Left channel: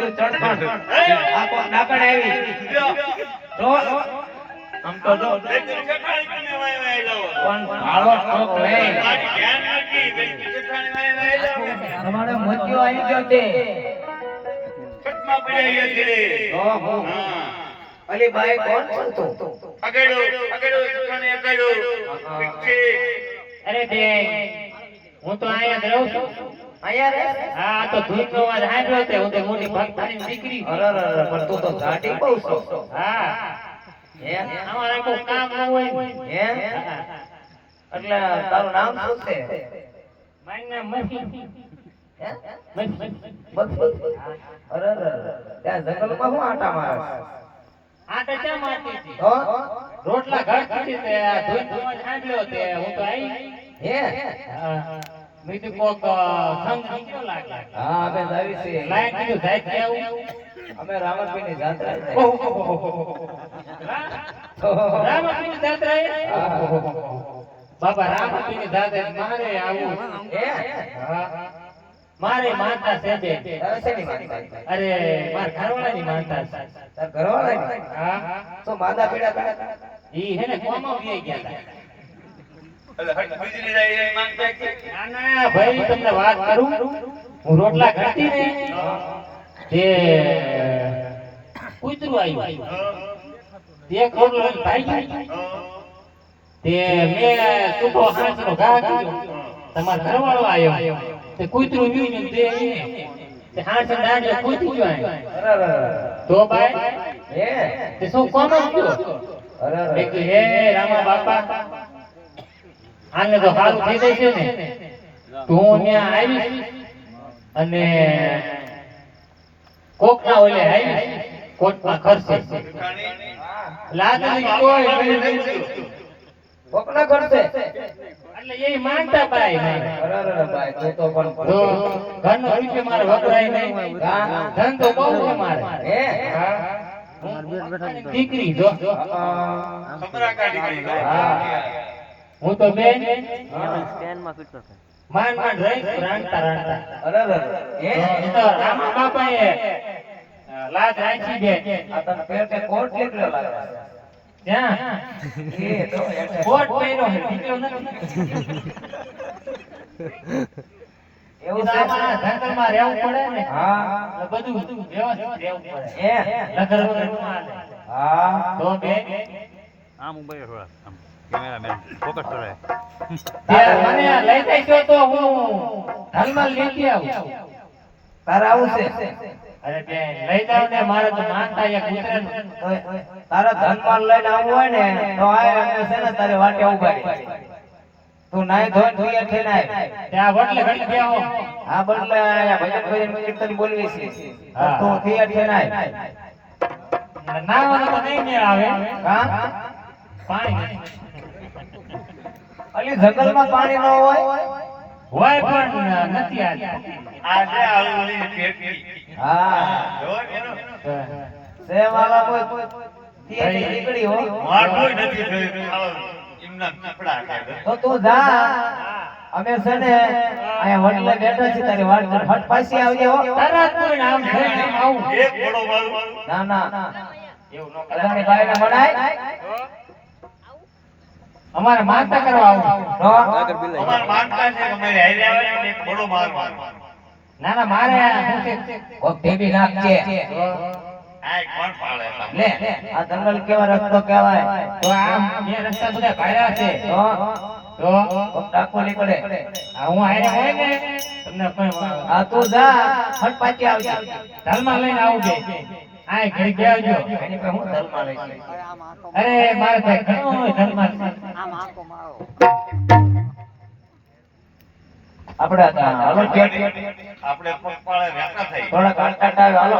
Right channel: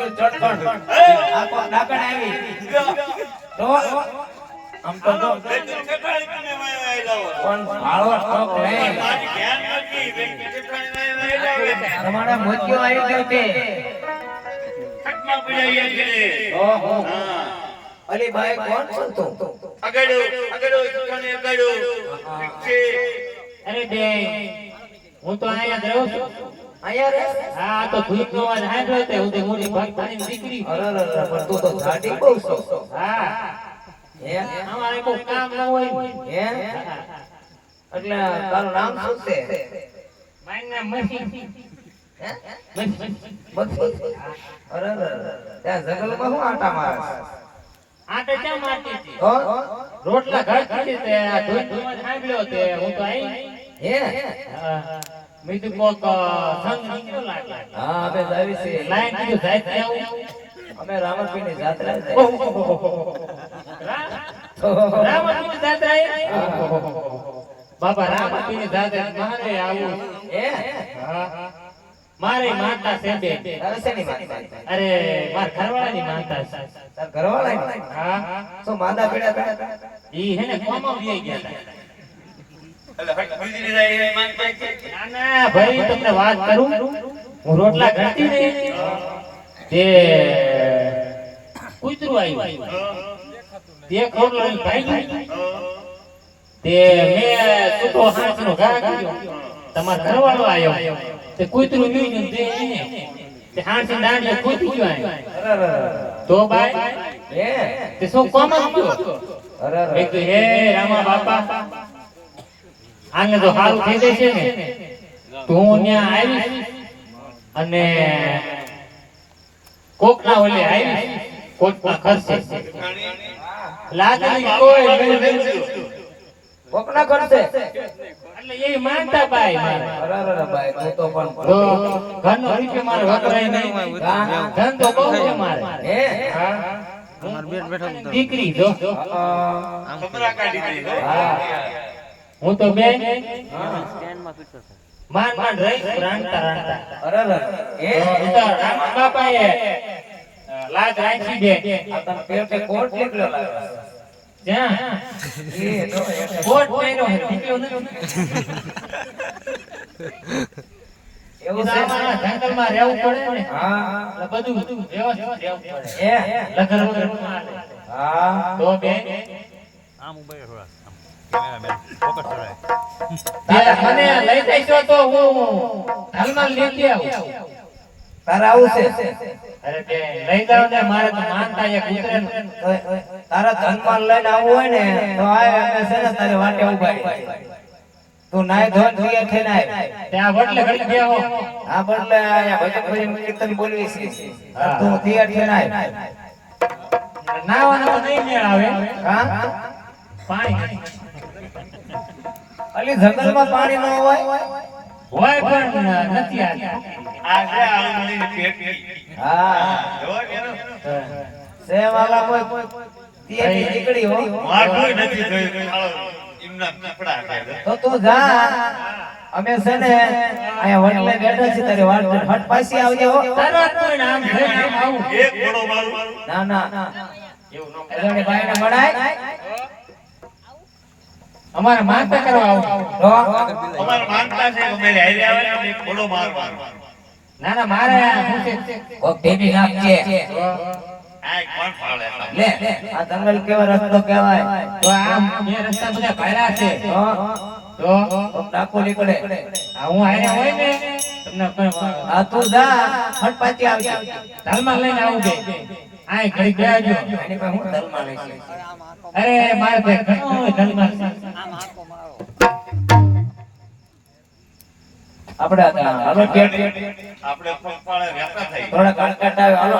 તું ચડખણ આ તો આવી તો આમ તો જો પણ ભાળો ઠોક નહીં તમારે કોણ તું અરે બે હું તો અહીંયા જ રહું છું. હા આ તો ધૂપ નો અવાજ સાંભળ્યો તે હું તો મોટી ભક્તાની દીકરી. અરે અરે અરે, પણ તું તો જાડી બહુ છો. હા. હે? અમારે કોઈ કામ ન હોય. હે? એટલે તારું નામ શું છે? મારું નામ મસી. અરે અરે અરે. ત્યાં જંગલમાં આટા મારે ક્યાં મારતી હતી? રોટલા ઘર તે આ ધૂપ નો સાંભળ્યો તે હું તો આવી હા. મેં કોક સંગ લાગે. હા અમે જાવી લાયક કીધું જાય છે. જાત્રા મારે આવું. હે? મારે માનતા છે બે. માનતા? અરે માર ઘરવાળાની માનતા છે. તાર હા. માંદા પડ્યા? ઈ હે ને કોમા ગયા હતા ના ના ભાઈ તમને વાત કરું? હું રોટલા ઘડતી ને તે કૂતરું આવ્યું. તે ખોટલો લઈને તે મેં છૂટો હાંસનો ઘા કર્યો. તમારો ઘરવાળો આવ્યો. તે કૂતરું ન્યુ ને તે એને. તે હાંસ દાંડે કૂતી ગયો. તો ભાઈ તે શું કોમ જ ગયો? અરે અરે. મેં હે રામા બાપા આને તો સારું થઈ જાય છે ને. તો હું ત્યાં આવીશ અને કોકના ઓલે આવીશ કોકના ખર્ચે. લાગણી કોઈ મેં કીધું. કોકના કરશે એટલે એ માનતા ભાઈ મારે. અરે અરે અરે ભાઈ તું તો પણ તો ઘરનો રૂપિયો મારે વપરાય નહીં. ધન તો બહુ છે મારે. હે? હા. દીકરી જો. હા. હું તો બે હા. માન માન રહી રાંતા રાંતા અરે. એ તો રામા બાપાએ લાજ રાખી દે આ તને પેટે કોટ કેટલો લાગે? ત્યાં એ તો કોટ પહેરો હે નીકળ્યો નથી. એવું એ છે આમાં જંગલમાં રહેવું પડે ને? હા. બધું વ્યવસ્થિત રહેવું પડે. હે. લગર વગર હા. તો બે આમ ઊભા થોડા મને લઈ જઈશો તો હું હાલમાં લેતી આવું તારે આવું છે? અરે બે લઈ જાવ ને મારે તો માનતા એક ઉતરે ને. ઓય, ઓય, તારા ધનપાલ લઈને આવવું હોય ને તો આય અમે છે ને તારી વાટે ઊભા તું નાય. ત્યાં ઘડી બદલે ભજન ભજન કીર્તન બોલવી છે. તું તૈયાર થઈને આય. નાવાનો તો નહીં મેળ આવે. હા? પાણી અલી જંગલમાં પાણી ન હોય? હોય પણ નથી હા. સેવાલા કોઈ તીએથી નીકળી હો. તો તું જા. અમે છે ને અહીંયા વડલે બેઠા છીએ તારી વાત ફટ પાછી આવજે હો. તરત કોઈ નામ છે નામ આવું. ના ના. એવું ન અજાણી બાઈને મળાય અમારે માનતા કરવા આવું. તો ના ના મારે શું છે? કોક ઢેબી નાખજે. લે. આ જંગલ કેવા રસ્તો કહેવાય? તો આમ બે રસ્તા બધા ભાયરા છે. તો તો કોક નીકળે. આ હું હારે હોય ને તમને કોઈ આ તું જા. ફટ પાછી આવજે. ધાલમાં લઈને આવું બે. આ ઘડી બેહજો. એની પાસે હું ધર્મા લઈશ અરે મારે. ઘણું આપણે હાલો આપણે થઈ થોડા કાટકાટ આવે હાલો.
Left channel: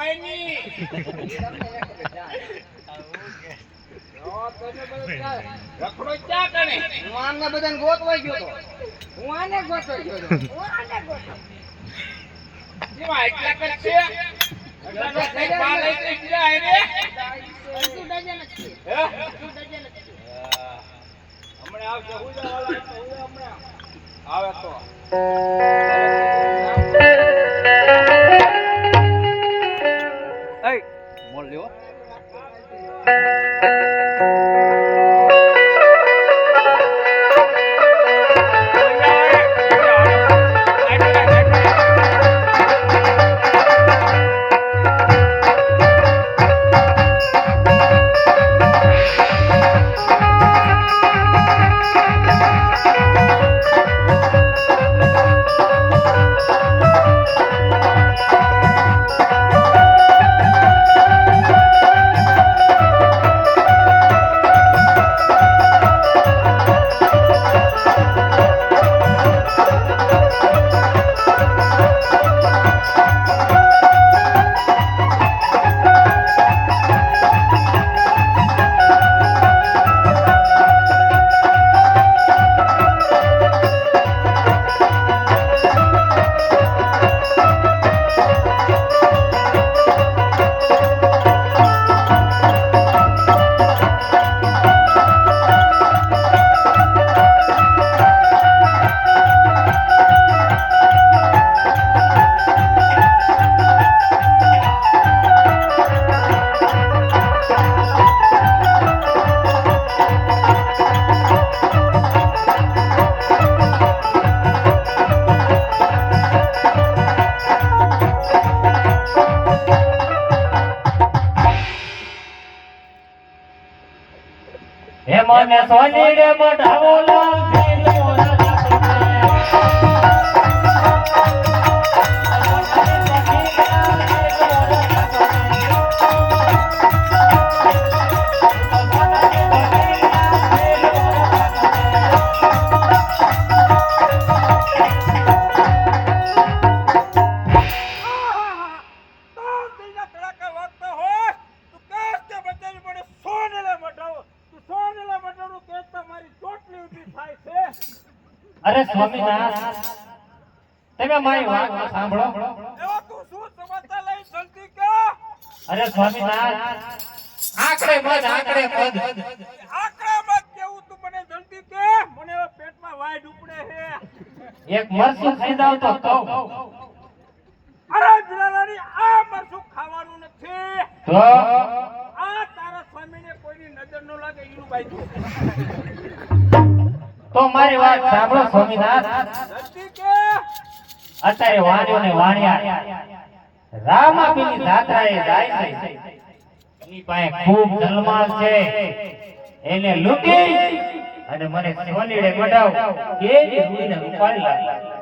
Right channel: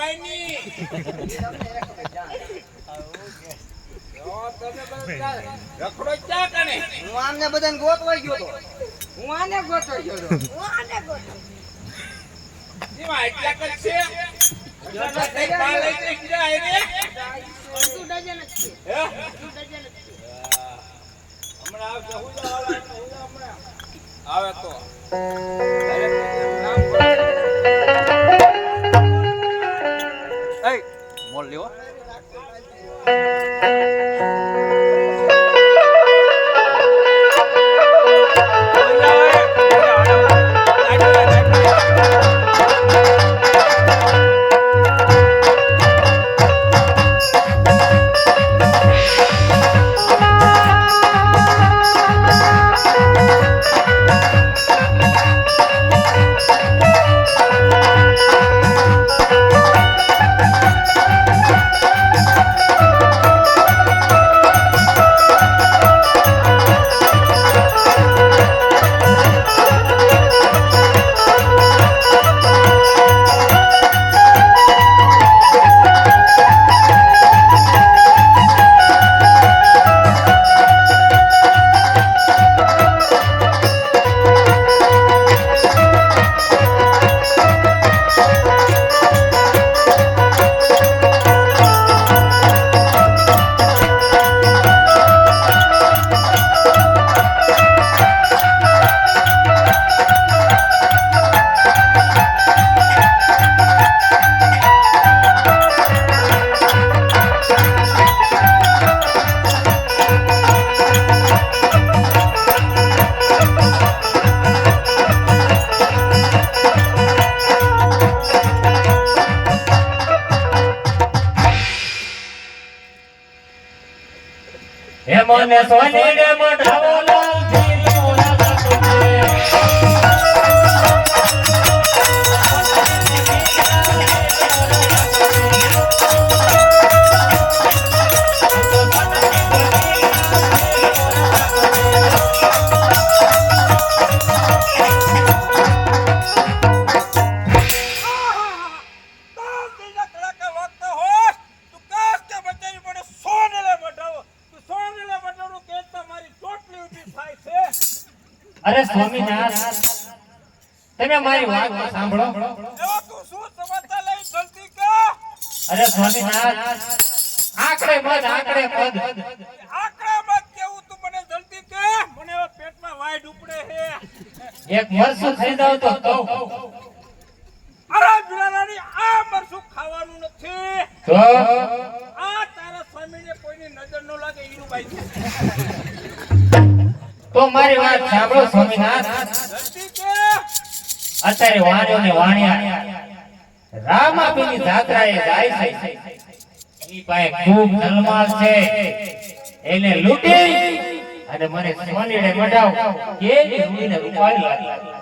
માયની. તો રખડો કણે? હું આમને બધાને ગોતવા ગયો તો. હું આને ગોતો ગયો એટલા કર થઈ પા લઈ મને સોની રે મઢાવો લાલ મારી વાત સાંભળો. અરે સ્વામિનાથ આંકડે મત આંકડે મત કેવું તું મને જલ્દી કે મને પેટમાં વાઈડ ઉપડે હે એક મરસું ખરીદાવ તો કહું અરે બિરાલાની આ મરસું ખાવાનું નથી તો આ તારા સ્વામીને કોઈની નજર ન લાગે ઈનું ભાઈ તો મારી વાત સાંભળો સ્વામીનાથ. અત્યારે વાણિયો ને વાણિયા રામાપીની જાત્રાએ જાય છે. એની પાસે ખૂબ ધનમાલ છે. એને લૂટી અને મને સોનીડે મઢાવ કેવી રૂઈને રૂપાળી લાગી.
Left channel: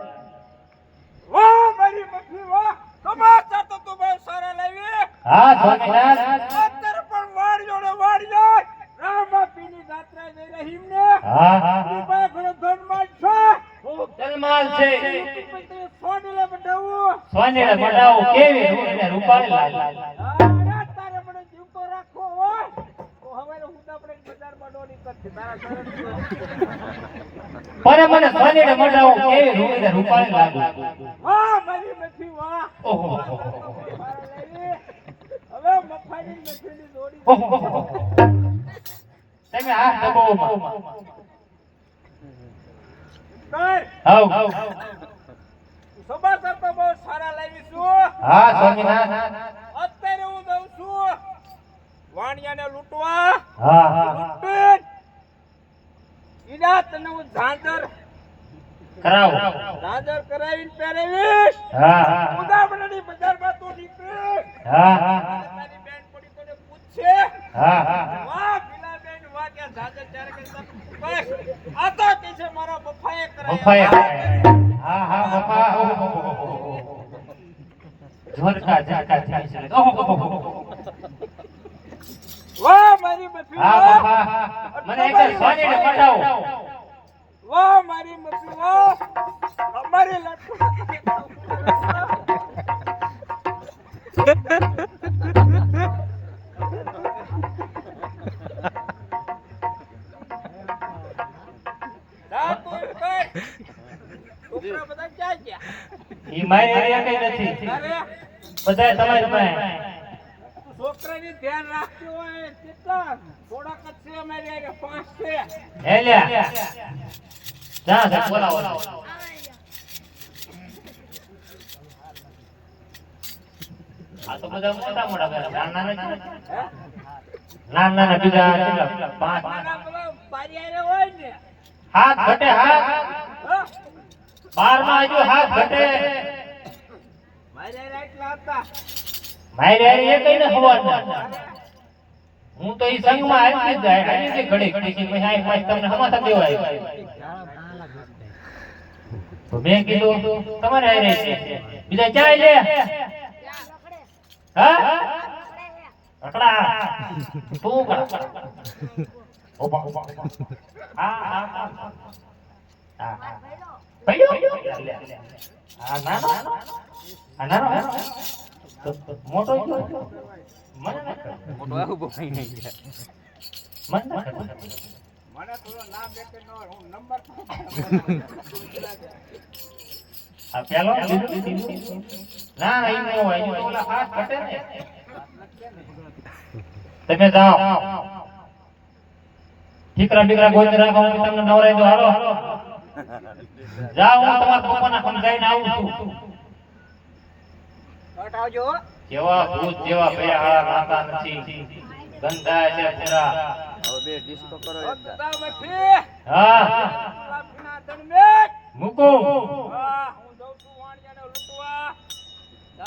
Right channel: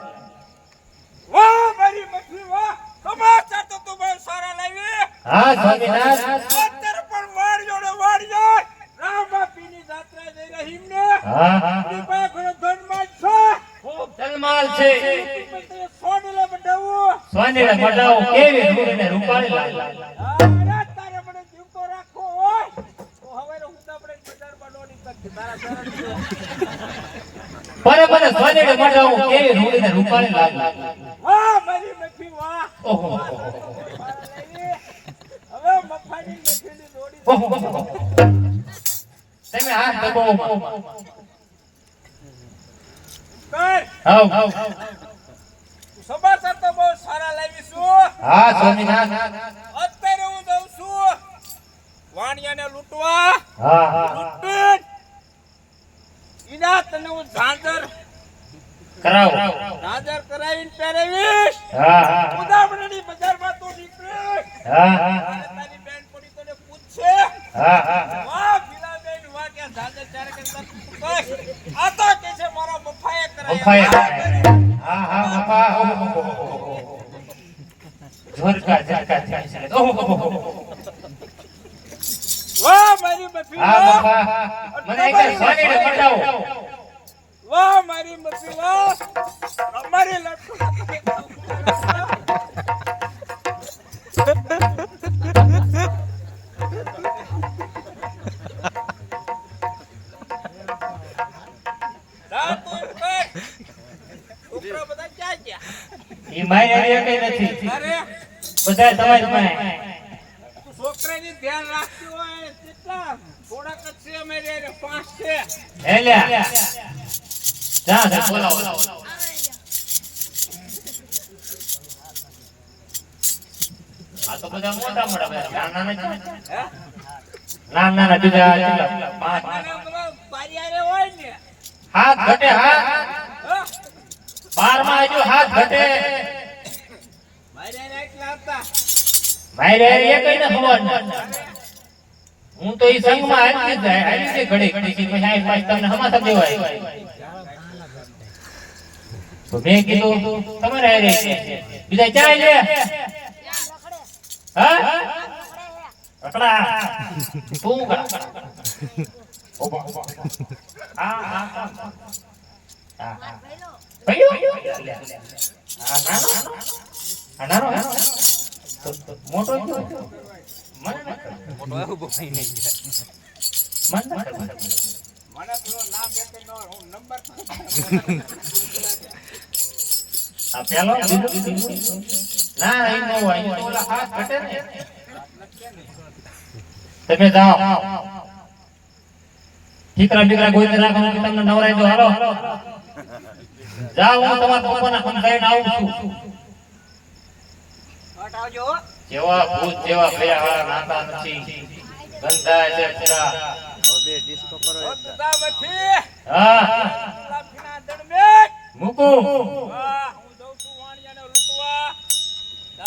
વાહ મારી મઠી વાહ. સમાચાર તો તું બહુ સારા લાવી. હા સ્વામિનાથ અત્યારે પણ વાળ્યો ને વાળ્યો રામાપીની જાત્રા જઈ રહી ને હા. હા ઘણો ધનમાલ છે. ખૂબ જલમાલ છે. પાસે તે સોનેલે બનાવવું કેવી રૂપને રૂપાળી લાગી. રાત તારે મને જીવતો રાખો ઓય. તો હવે હું તો આપણે બજારમાં દોડી શકીએ તારા સારા પરે મને સોનેડે મઢાવું કેવી રૂપને રૂપાળી લાગુ. વાહ મારી મઠી વાહ. ઓહો. હવે મફાની જોડી ઓહો. તમે આ દબાવોમાં કર. હાવ સમાચાર તો બહુ સારા લાવીશું હા સ્વામિનાથ અત્યારે હું દઉં છું વાણિયાને લૂંટવા હા હા લૂંટીને ઈના તને હું ઝાંઝર કરાવો ઝાંઝર કરાવીને પહેરાવીશ હા હા ઉદામણાની બજારમાં તું નીકળીશ હા હા અને તારી બેન પડી તને પૂછશે હા હા વાહ ભીલાબેન વાહ કે ઝાંઝર ચારે કરતા તું કર. આ તો કે છે મારા બફાએ બફાએ. કરાયા હા હા બાપા ઓહો ઝરકા ઝરકા થાય છે ઓહો વાહ મારી મફી હા મને વાહ મારી મફી વાહ છોકરા બધા ક્યાં ગયા ઈ મારી હારે નથી. બધા તમારી પાસે. છોકરાની ધ્યાન રાખતી હોય કેટલા થોડાક જ છે અમારી હારે, પાંચ છે. હે લ્યા જા જા બોલાવો. આ તો બધા મોટા મોટા બધા. નાના નાના. હે? નાના નાના પાંચ. હોય ને હાથ ઘટે હાથ. હા? બારમાં હજુ હાથ ઘટે. મારી ને ખબર. હું તો એ સંઘમાં જાય જ ઘડી ઘડી ભાઈ આઈ પાછી તમને હમાસા દેવાય તો મેં કીધું તમારે. બીજા ક્યાં લે હા? ઓબા ઓબા આ આ તો મોટો મને મને પેલો ન તમે જાઓ ઠીકરા બીકરા ગોઈ રાખો તમને નવરાઈ દો હાલો જાઓ હું તમારા પપ્પાના સમજાવીને આવું છું. હટાવજો જેવા ભૂત જેવા ભયા નાતા નથી. ગંધા છે પૂરા હો તું જા હા. લાફીના દણમેટ મૂકું. વાહ હું.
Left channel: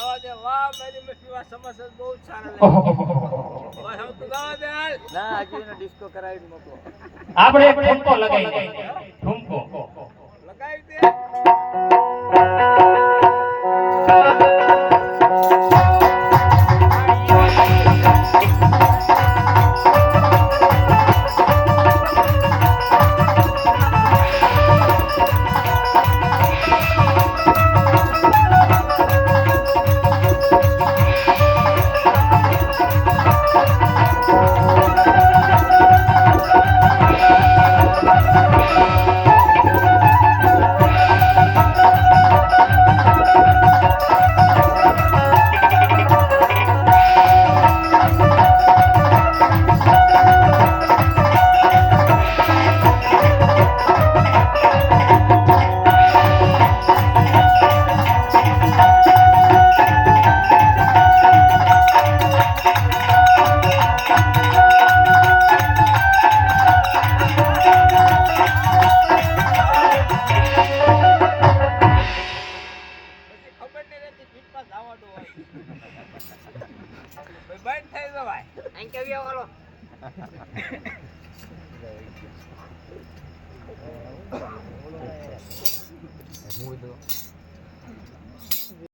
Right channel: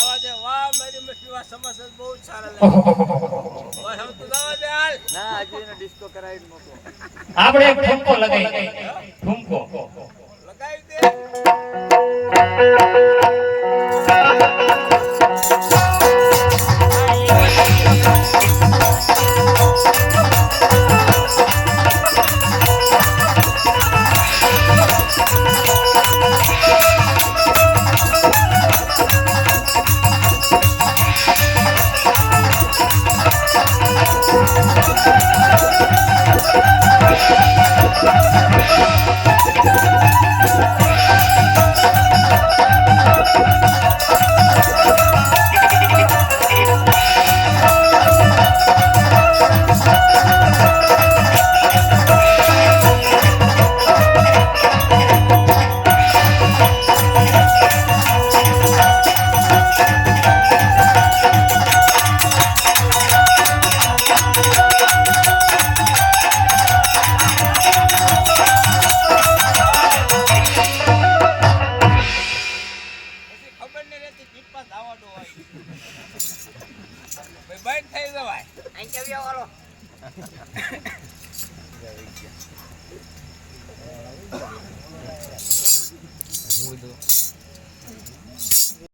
જાવા દે. વાહ મારી મઠી વાહ સમસ્યા બહુ સારા લાગે હવે તું જાવા દે હાલ. આપણે એક ઠુમકો લગાવી. ઠુમકો.